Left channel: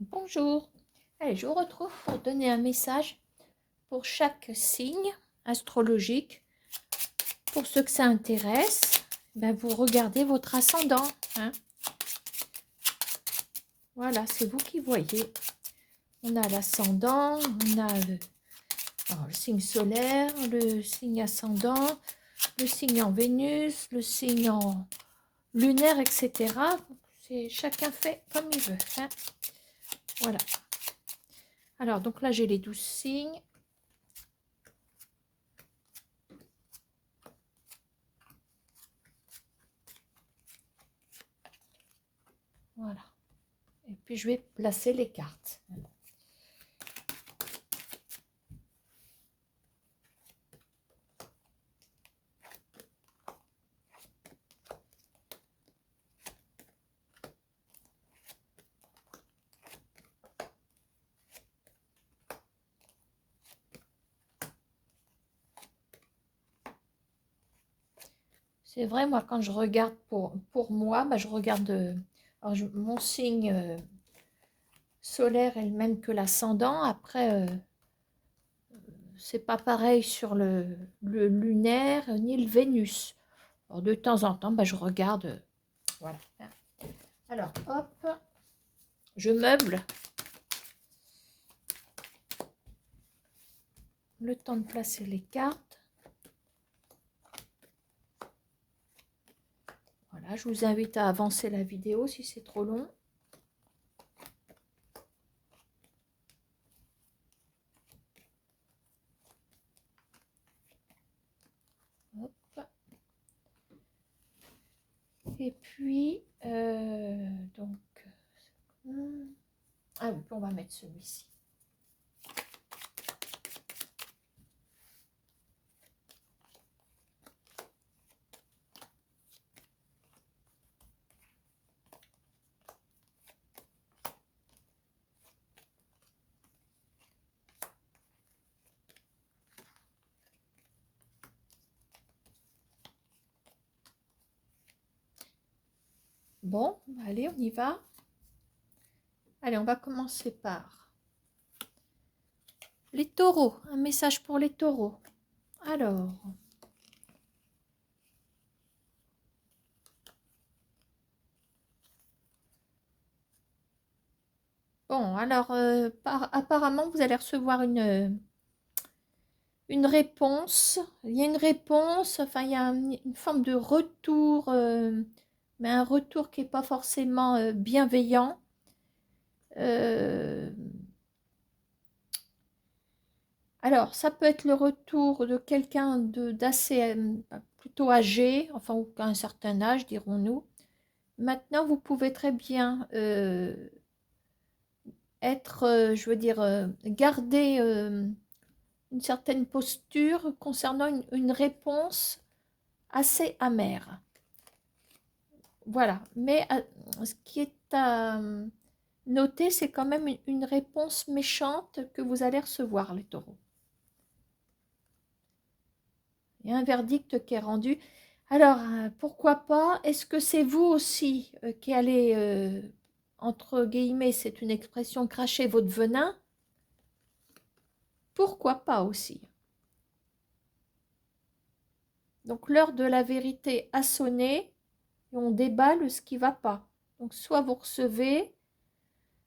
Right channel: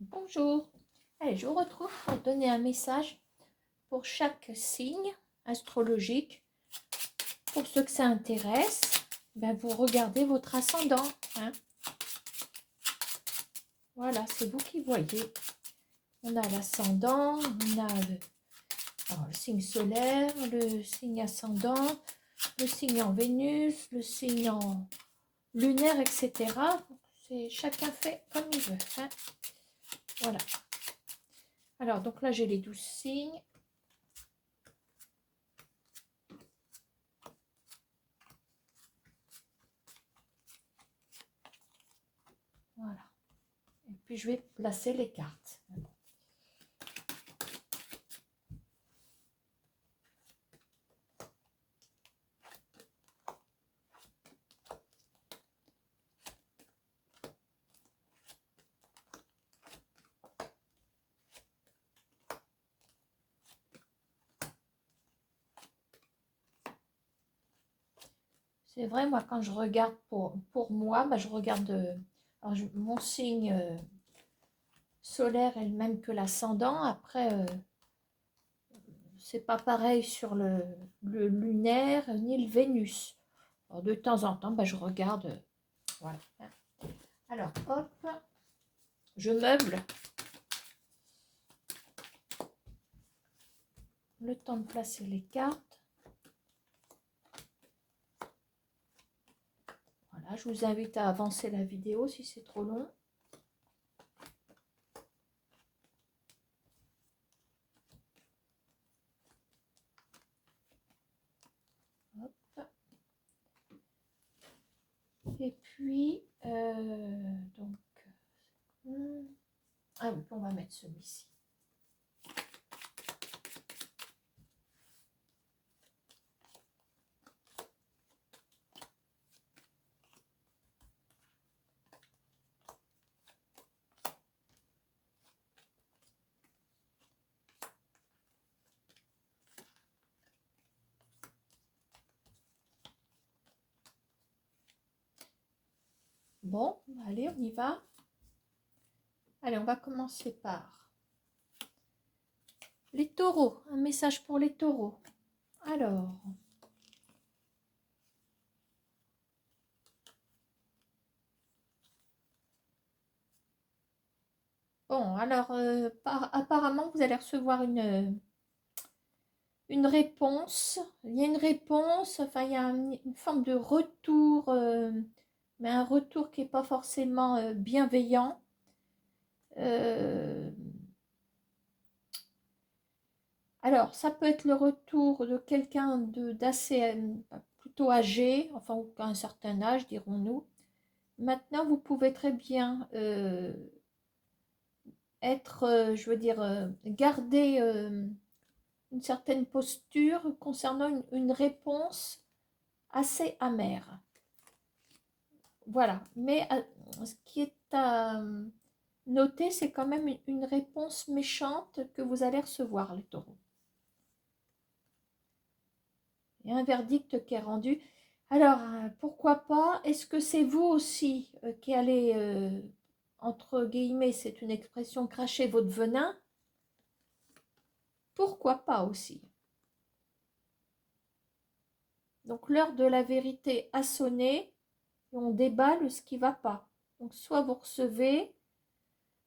Bonjour. Allez, je vous retrouve pour donner un message pour chaque signe astrologique. Pour ceux que ça intéresse, ben vous regardez votre ascendant. Hein. Voilà, c'est vous qui voyez. On a l'ascendant, on a le signe solaire, le signe ascendant, le signe en Vénus, le signe en lunaire, etc. Chacun fait comme il veut. Hein. Voilà. Alors, donc là, j'ai les 12 signes. Voilà. Et puis, je vais placer les cartes. C'est vrai, moi, quand je regarde pour moi, bah, je regarde mon signe solaire est le même que l'ascendant. Après, c'est pas pareil sur le lunaire ni le Vénus. Alors, de temps en temps, bah, je regarde. Voilà. Alors, hop, je meuble. Le temps de placer les cartes. Voilà, je vous invite à avancer la vidéo si c'est trop long. Hop. Et puis, donc, ah oui, on va mettre celui-ci. Bon, allez, on y va. Allez, on va commencer par les taureaux. Un message pour les taureaux. Alors, bon, alors, apparemment, vous allez recevoir une réponse. Il y a une réponse, enfin, il y a une forme de retour, mais un retour qui n'est pas forcément bienveillant. Alors, ça peut être le retour de quelqu'un d'assez plutôt âgé, enfin, ou qu'à un certain âge, dirons-nous. Maintenant, vous pouvez très bien être, je veux dire, garder une certaine posture concernant une réponse assez amère. Voilà. Mais ce qui est à noter, c'est quand même une réponse méchante que vous allez recevoir, les taureaux. Il y a un verdict qui est rendu. Alors, pourquoi pas? Est-ce que c'est vous aussi qui allez, entre guillemets, c'est une expression, cracher votre venin? Pourquoi pas aussi? Donc, l'heure de la vérité a sonné et on déballe ce qui ne va pas. Donc, soit vous recevez,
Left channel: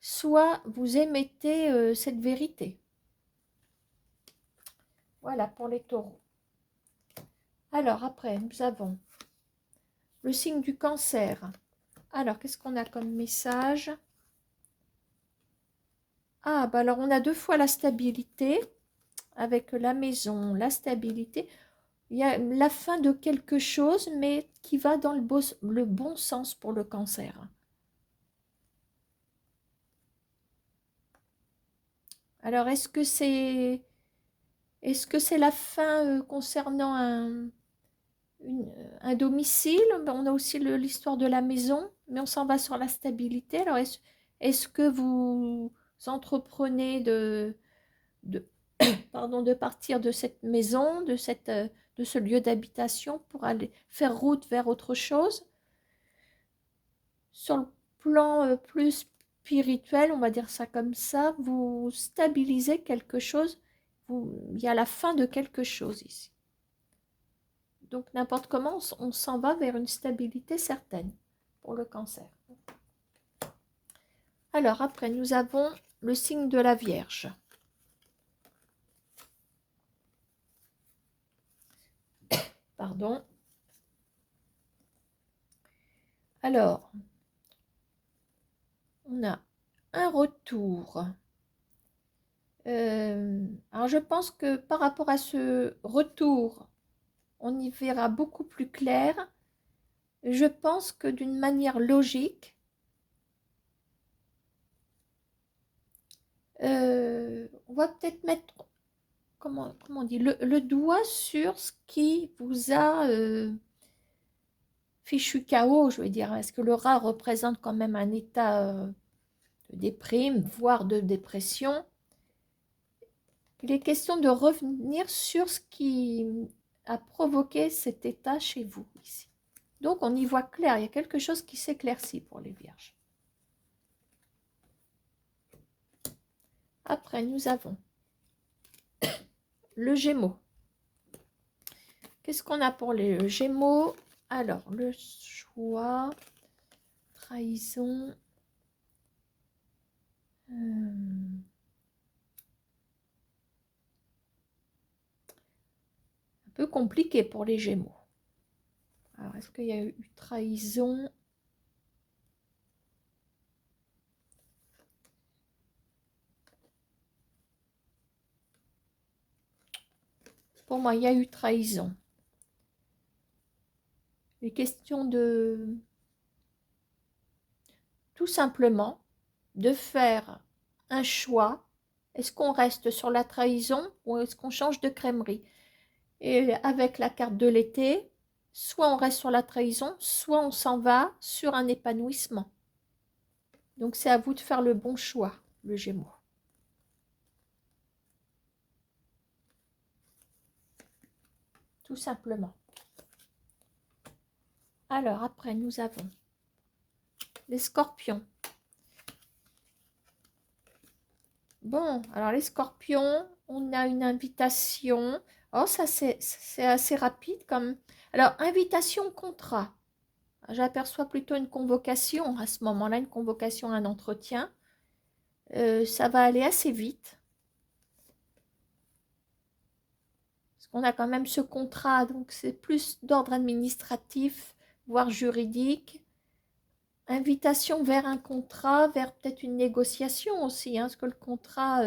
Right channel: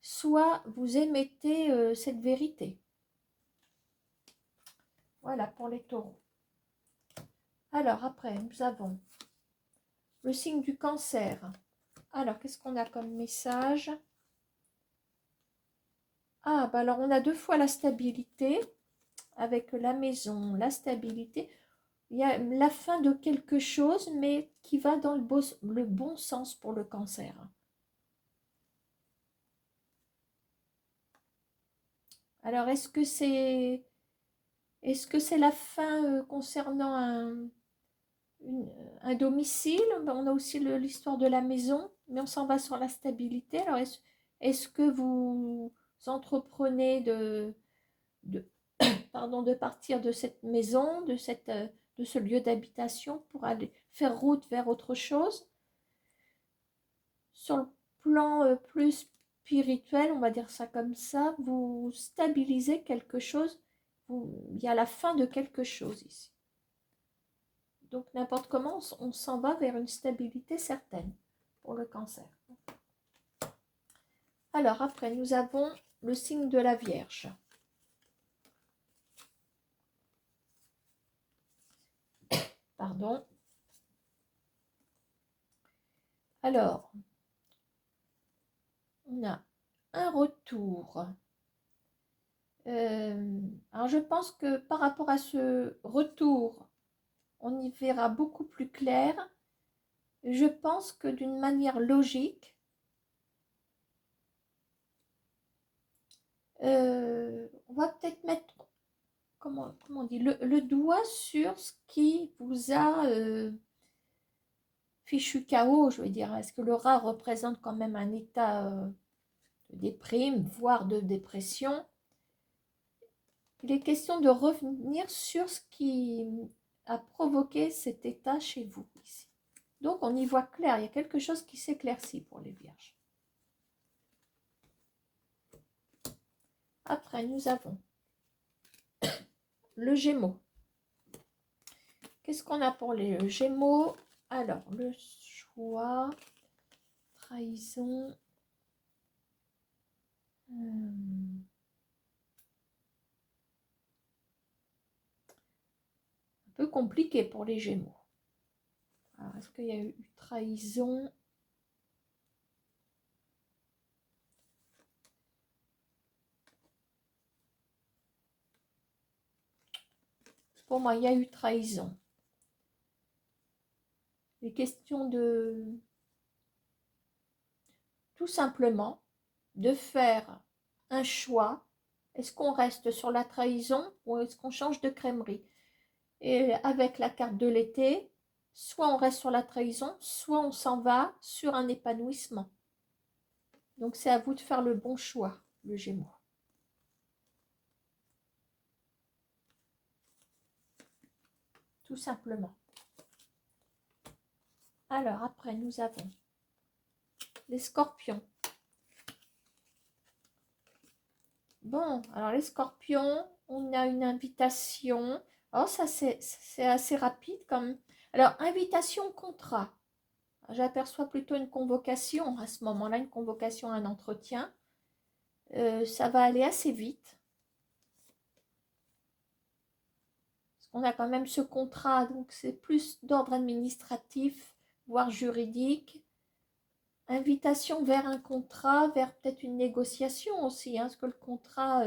soit vous émettez cette vérité. Voilà pour les taureaux. Alors, après, nous avons le signe du cancer. Alors, qu'est-ce qu'on a comme message? Ah, bah alors on a deux fois la stabilité, avec la maison, la stabilité. Il y a la fin de quelque chose, mais qui va dans le bon sens pour le cancer. Alors, est-ce que c'est la fin concernant un domicile? On a aussi l'histoire de la maison, mais on s'en va sur la stabilité. Alors, est-ce que vous entreprenez de, pardon, de partir de cette maison, de ce lieu d'habitation pour aller faire route vers autre chose? Sur le plan plus spirituel, on va dire ça comme ça, vous stabilisez quelque chose, il y a la fin de quelque chose ici. Donc n'importe comment, on s'en va vers une stabilité certaine pour le cancer. Alors après, nous avons le signe de la Vierge. Pardon. Alors, on a un retour. Alors je pense que par rapport à ce retour, on y verra beaucoup plus clair. Je pense que d'une manière logique, on va peut-être mettre, comment on dit, le doigt sur ce qui vous a fichu KO, je veux dire. Est-ce que le rat représente quand même un état de déprime, voire de dépression? Il est question de revenir sur ce qui a provoqué cet état chez vous ici. Donc on y voit clair, il y a quelque chose qui s'éclaircit pour les vierges. Après, nous avons le Gémeaux. Qu'est-ce qu'on a pour les Gémeaux? Alors, le choix, trahison, un peu compliqué pour les Gémeaux. Alors, est-ce qu'il y a eu trahison? Pour moi, il y a eu trahison. Les questions de, tout simplement, de faire un choix. Est-ce qu'on reste sur la trahison ou est-ce qu'on change de crèmerie? Et avec la carte de l'été, soit on reste sur la trahison, soit on s'en va sur un épanouissement. Donc c'est à vous de faire le bon choix, le Gémeaux. Tout simplement. Alors après, nous avons les Scorpions. Bon, alors les Scorpions, on a une invitation. Oh, ça c'est assez rapide comme. Alors, invitation, contrat. J'aperçois plutôt une convocation à ce moment-là, une convocation à un entretien. Ça va aller assez vite. Parce qu'on a quand même ce contrat, donc c'est plus d'ordre administratif, voire juridique. Invitation vers un contrat, vers peut-être une négociation aussi, hein, parce que le contrat,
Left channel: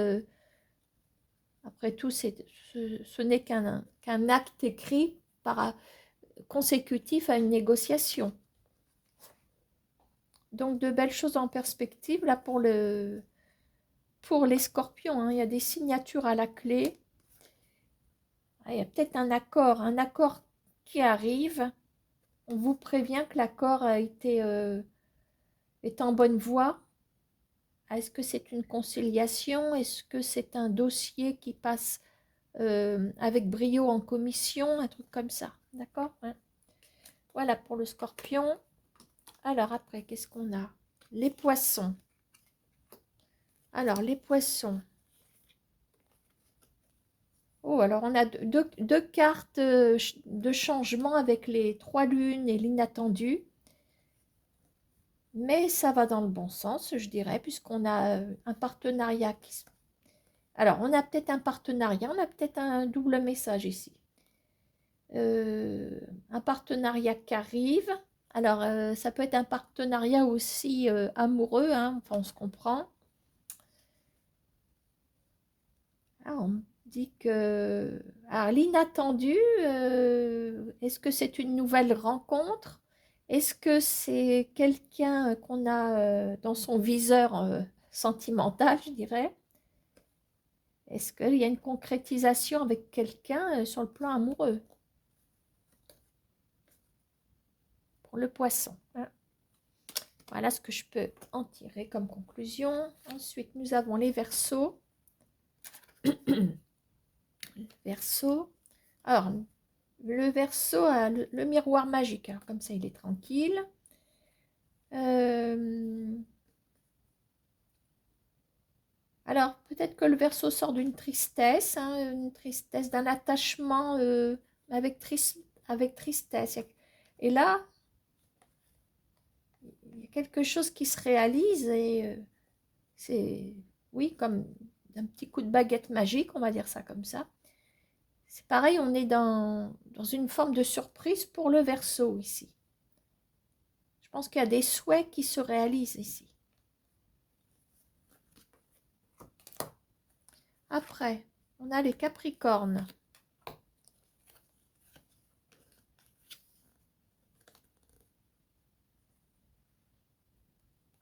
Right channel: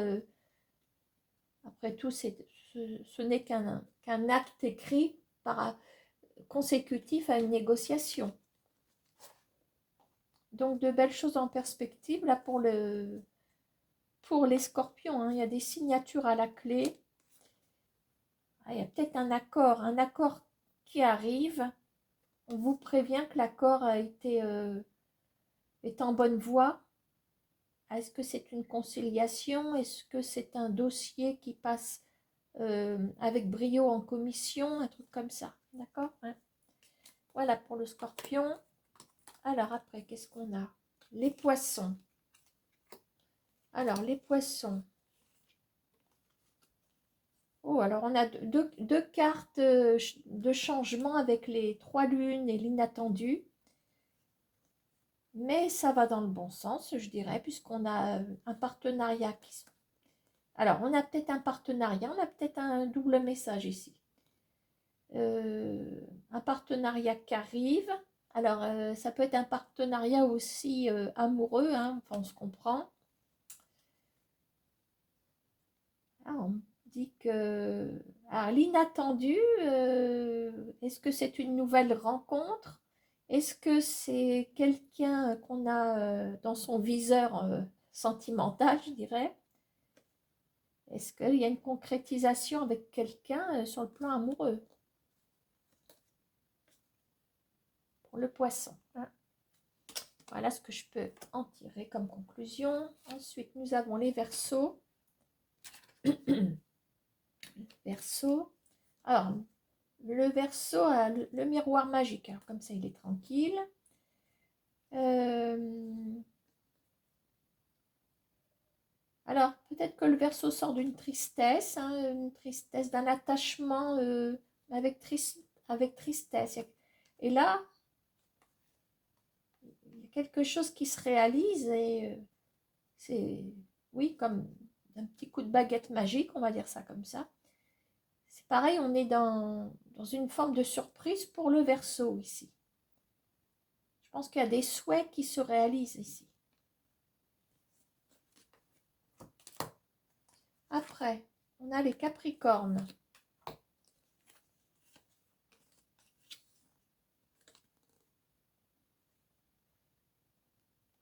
après tout, ce n'est qu'un acte écrit consécutif à une négociation. Donc de belles choses en perspective là pour les Scorpions, hein. Il y a des signatures à la clé. Ah, il y a peut-être un accord qui arrive. On vous prévient que l'accord est en bonne voie. Est-ce que c'est une conciliation? Est-ce que c'est un dossier qui passe avec brio en commission? Un truc comme ça, d'accord, hein? Voilà pour le Scorpion. Alors après, qu'est-ce qu'on a? Les Poissons. Alors, les Poissons. Oh, alors on a deux cartes de changement avec les 3 lunes et l'inattendu. Mais ça va dans le bon sens, je dirais, puisqu'on a un partenariat qui... Alors, on a peut-être un partenariat, on a peut-être un double message ici. Un partenariat qui arrive. Alors, ça peut être un partenariat aussi amoureux, hein, enfin, on se comprend. Ah, on dit que... Alors, l'inattendu, est-ce que c'est une nouvelle rencontre? Est-ce que c'est quelqu'un qu'on a dans son viseur sentimental, je dirais? Est-ce qu'il y a une concrétisation avec quelqu'un sur le plan amoureux? Pour le poisson, hein. Voilà ce que je peux en tirer comme conclusion. Ensuite, nous avons les Verseaux. Verseau. Alors, le Verseau a le miroir magique. Alors, comme ça, il est tranquille. peut-être que le Verseau sort d'une tristesse, hein, une tristesse, d'un attachement avec, avec tristesse. Et là, il y a quelque chose qui se réalise et c'est, oui, comme un petit coup de baguette magique, on va dire ça comme ça. C'est pareil, on est dans une forme de surprise pour le Verseau ici. Je pense qu'il y a des souhaits qui se réalisent ici. Après, on a les Capricornes.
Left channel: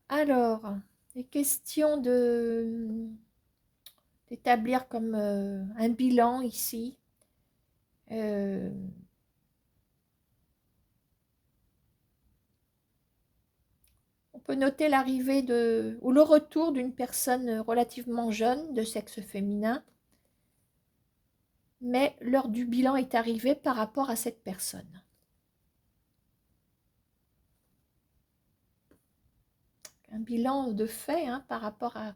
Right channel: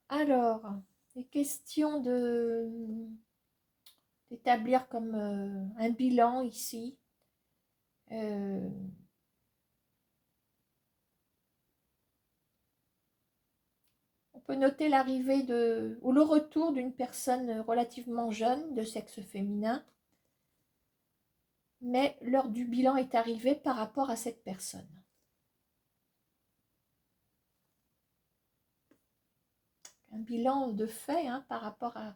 Alors, les questions d'établir comme un bilan ici. On peut noter l'arrivée ou le retour d'une personne relativement jeune de sexe féminin, mais l'heure du bilan est arrivée par rapport à cette personne. Un bilan de fait hein, par rapport à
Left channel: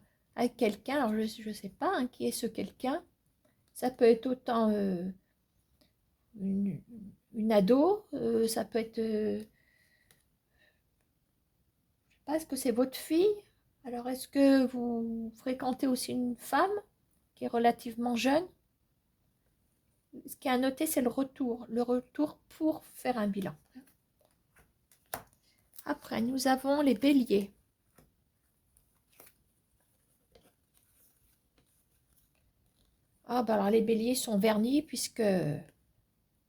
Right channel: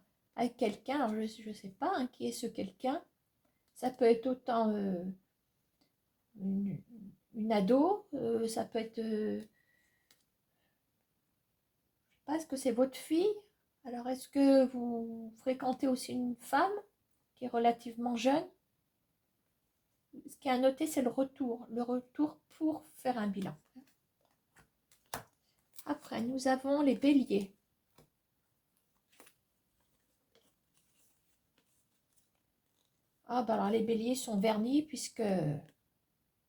quelqu'un. Alors je ne sais pas hein, qui est ce quelqu'un. Ça peut être autant une ado, ça peut être, je sais pas, est-ce que c'est votre fille? Alors est-ce que vous fréquentez aussi une femme qui est relativement jeune? Ce qui est à noter, c'est le retour pour faire un bilan. Après, nous avons les béliers. Ah, bah alors les béliers sont vernis puisque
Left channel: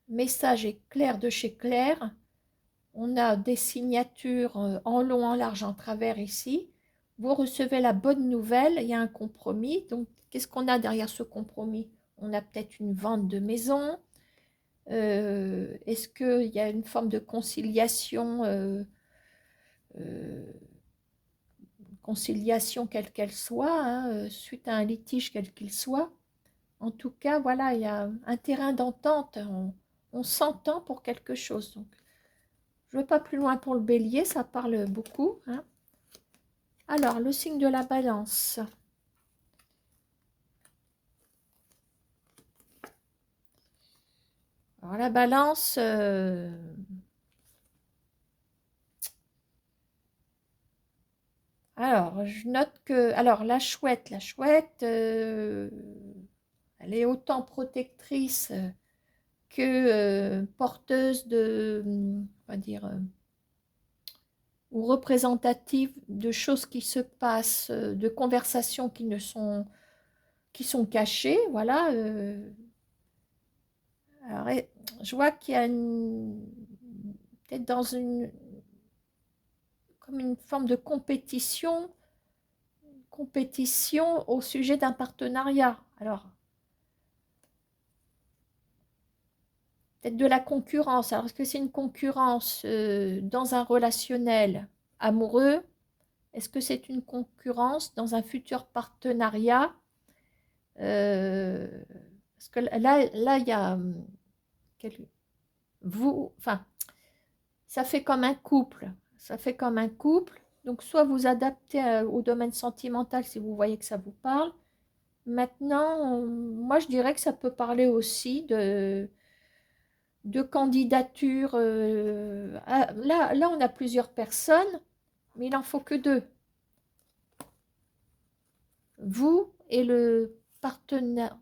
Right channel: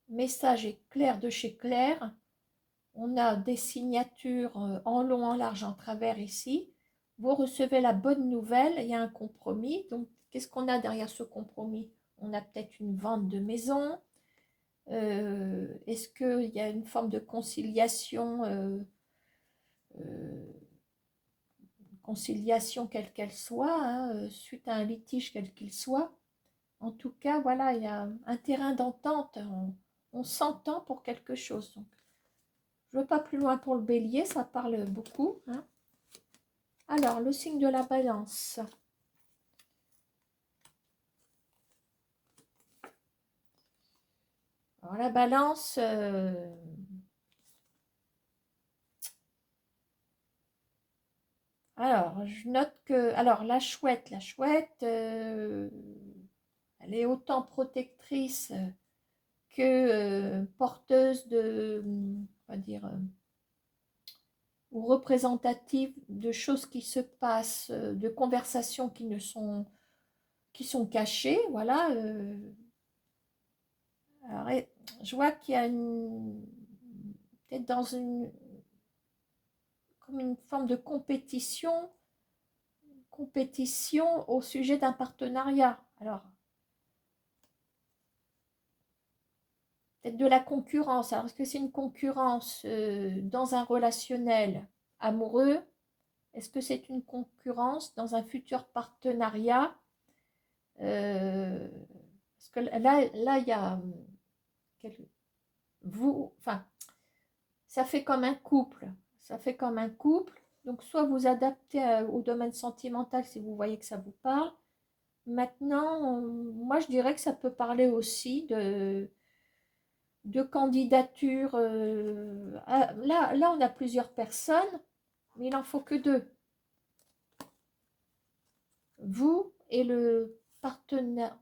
message est clair de chez Claire. On a des signatures en long, en large, en travers ici. Vous recevez la bonne nouvelle, il y a un compromis. Donc, qu'est-ce qu'on a derrière ce compromis? On a peut-être une vente de maison. Est-ce qu'il y a une forme de conciliation conciliation quelle qu'elle soit, hein, suite à un litige quel qu'il soit. En tout cas, voilà, il y a un terrain d'entente, on s'entend pour quelque chose. Donc, je ne veux pas plus loin pour le bélier, ça parle beaucoup. Hein. Alors, le signe de la balance. Alors, la balance... Alors, je note que... Alors, la chouette, elle est autant protectrice que porteuse de, on va dire, ou représentative de choses qui se passent, de conversations qui sont cachées, voilà. Alors, je vois qu'il y a peut-être dans comme une forme de compétition au sujet d'un partenariat. Alors, peut-être de la concurrence. Alors, est-ce que c'est une concurrence dans un relationnel amoureux? Est-ce que c'est une concurrence dans un futur partenariat? Parce que là, il y a enfin, ça fait comme un couple. Ça fait comme un couple. Donc, soit vous adaptez au domaine sentimental si vous voyez que ça vous parle. Maintenant, moi, je dirais que ça peut parler aussi de candidature. Là, on a plusieurs personnes, mais il n'en faut que deux. Vous et le partenaire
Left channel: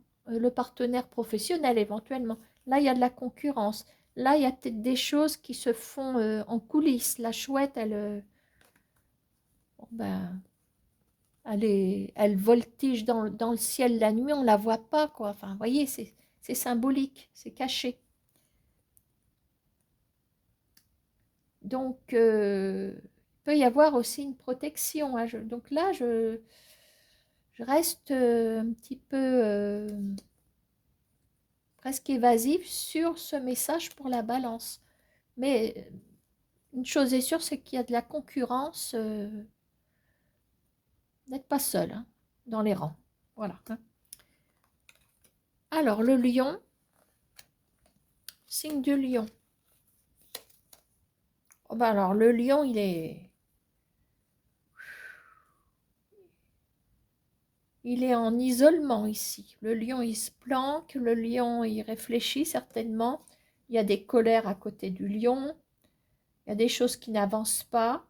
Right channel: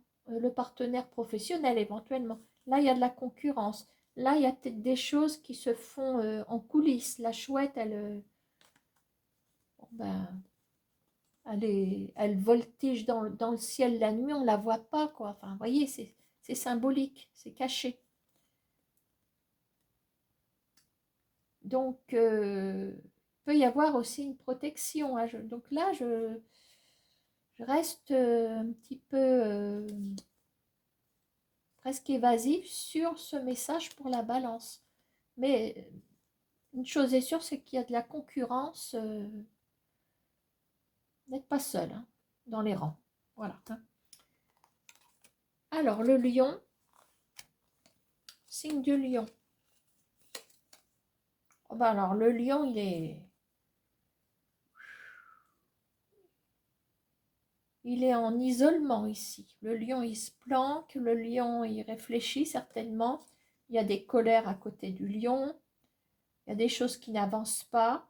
professionnel éventuellement. Là, il y a de la concurrence. Là, il y a peut-être des choses qui se font en coulisses. La chouette, bon, ben, elle voltige dans le ciel la nuit, on ne la voit pas, quoi. Enfin, vous voyez, c'est symbolique, c'est caché. Donc, il peut y avoir aussi une protection. Hein. Donc là, je reste un petit peu presque évasive sur ce message pour la balance. Mais une chose est sûre, c'est qu'il y a de la concurrence. N'êtes pas seul hein, dans les rangs. Voilà. Hein. Alors, le lion, signe du lion. Oh ben alors, le lion, il il est en isolement ici. Le lion, il se planque, le lion, il réfléchit certainement. Il y a des colères à côté du lion. Il y a des choses qui n'avancent pas.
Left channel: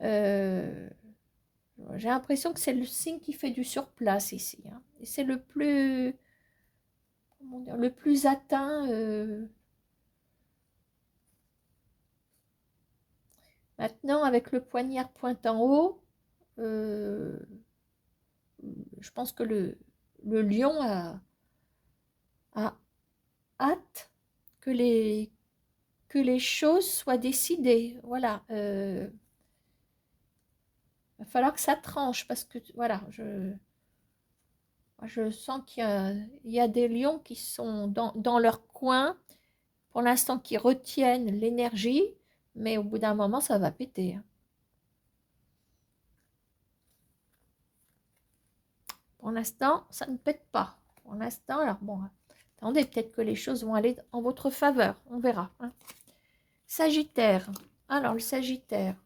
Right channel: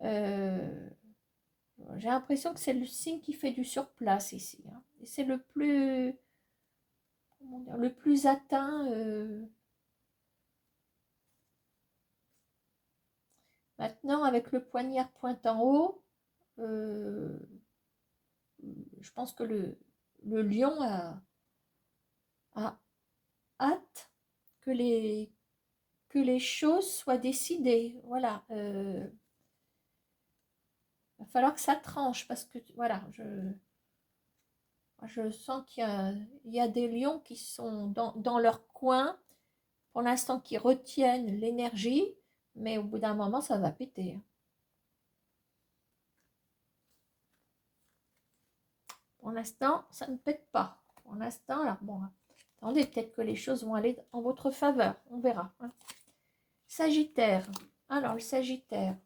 J'ai l'impression que c'est le signe qui fait du surplace ici, hein. Et c'est le plus, comment dire, le plus atteint. Maintenant, avec le poignard pointant haut, je pense que le lion a hâte que les choses soient décidées. Voilà. Va falloir que ça tranche parce que, voilà, je sens qu'il y a des lions qui sont dans leur coin, pour l'instant, qui retiennent l'énergie, mais au bout d'un moment, ça va péter, hein. Pour l'instant, ça ne pète pas. Pour l'instant, alors bon, attendez, peut-être que les choses vont aller en votre faveur. On verra, hein. Sagittaire. Alors, le Sagittaire.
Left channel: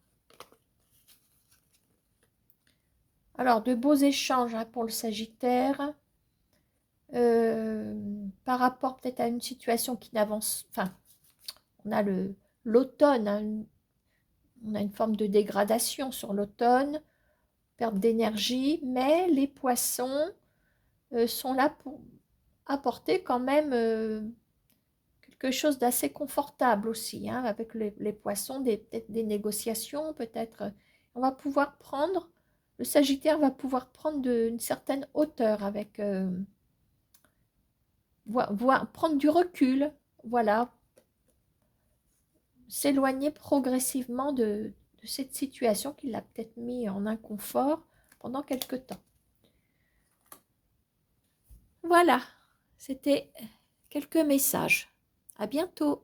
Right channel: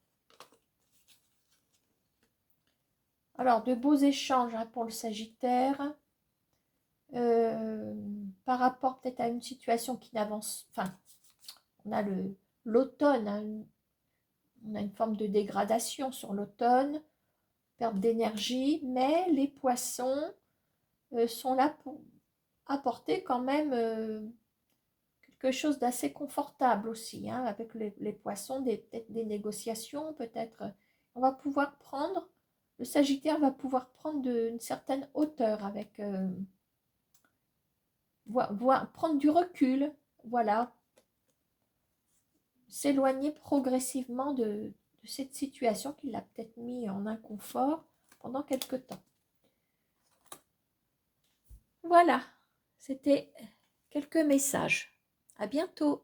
Alors, de beaux échanges, hein, pour le Sagittaire. Par rapport peut-être à une situation qui n'avance. Enfin, on a l'automne, hein, on a une forme de dégradation sur l'automne, perte d'énergie, mais les poissons sont là pour apporter quand même quelque chose d'assez confortable aussi, hein, avec les poissons, peut-être des négociations, peut-être on va pouvoir prendre, le Sagittaire va pouvoir prendre une certaine hauteur avec, prendre du recul, voilà, s'éloigner progressivement de cette situation qui l'a peut-être mis en inconfort pendant quelque temps. Voilà, c'était quelques messages. À bientôt.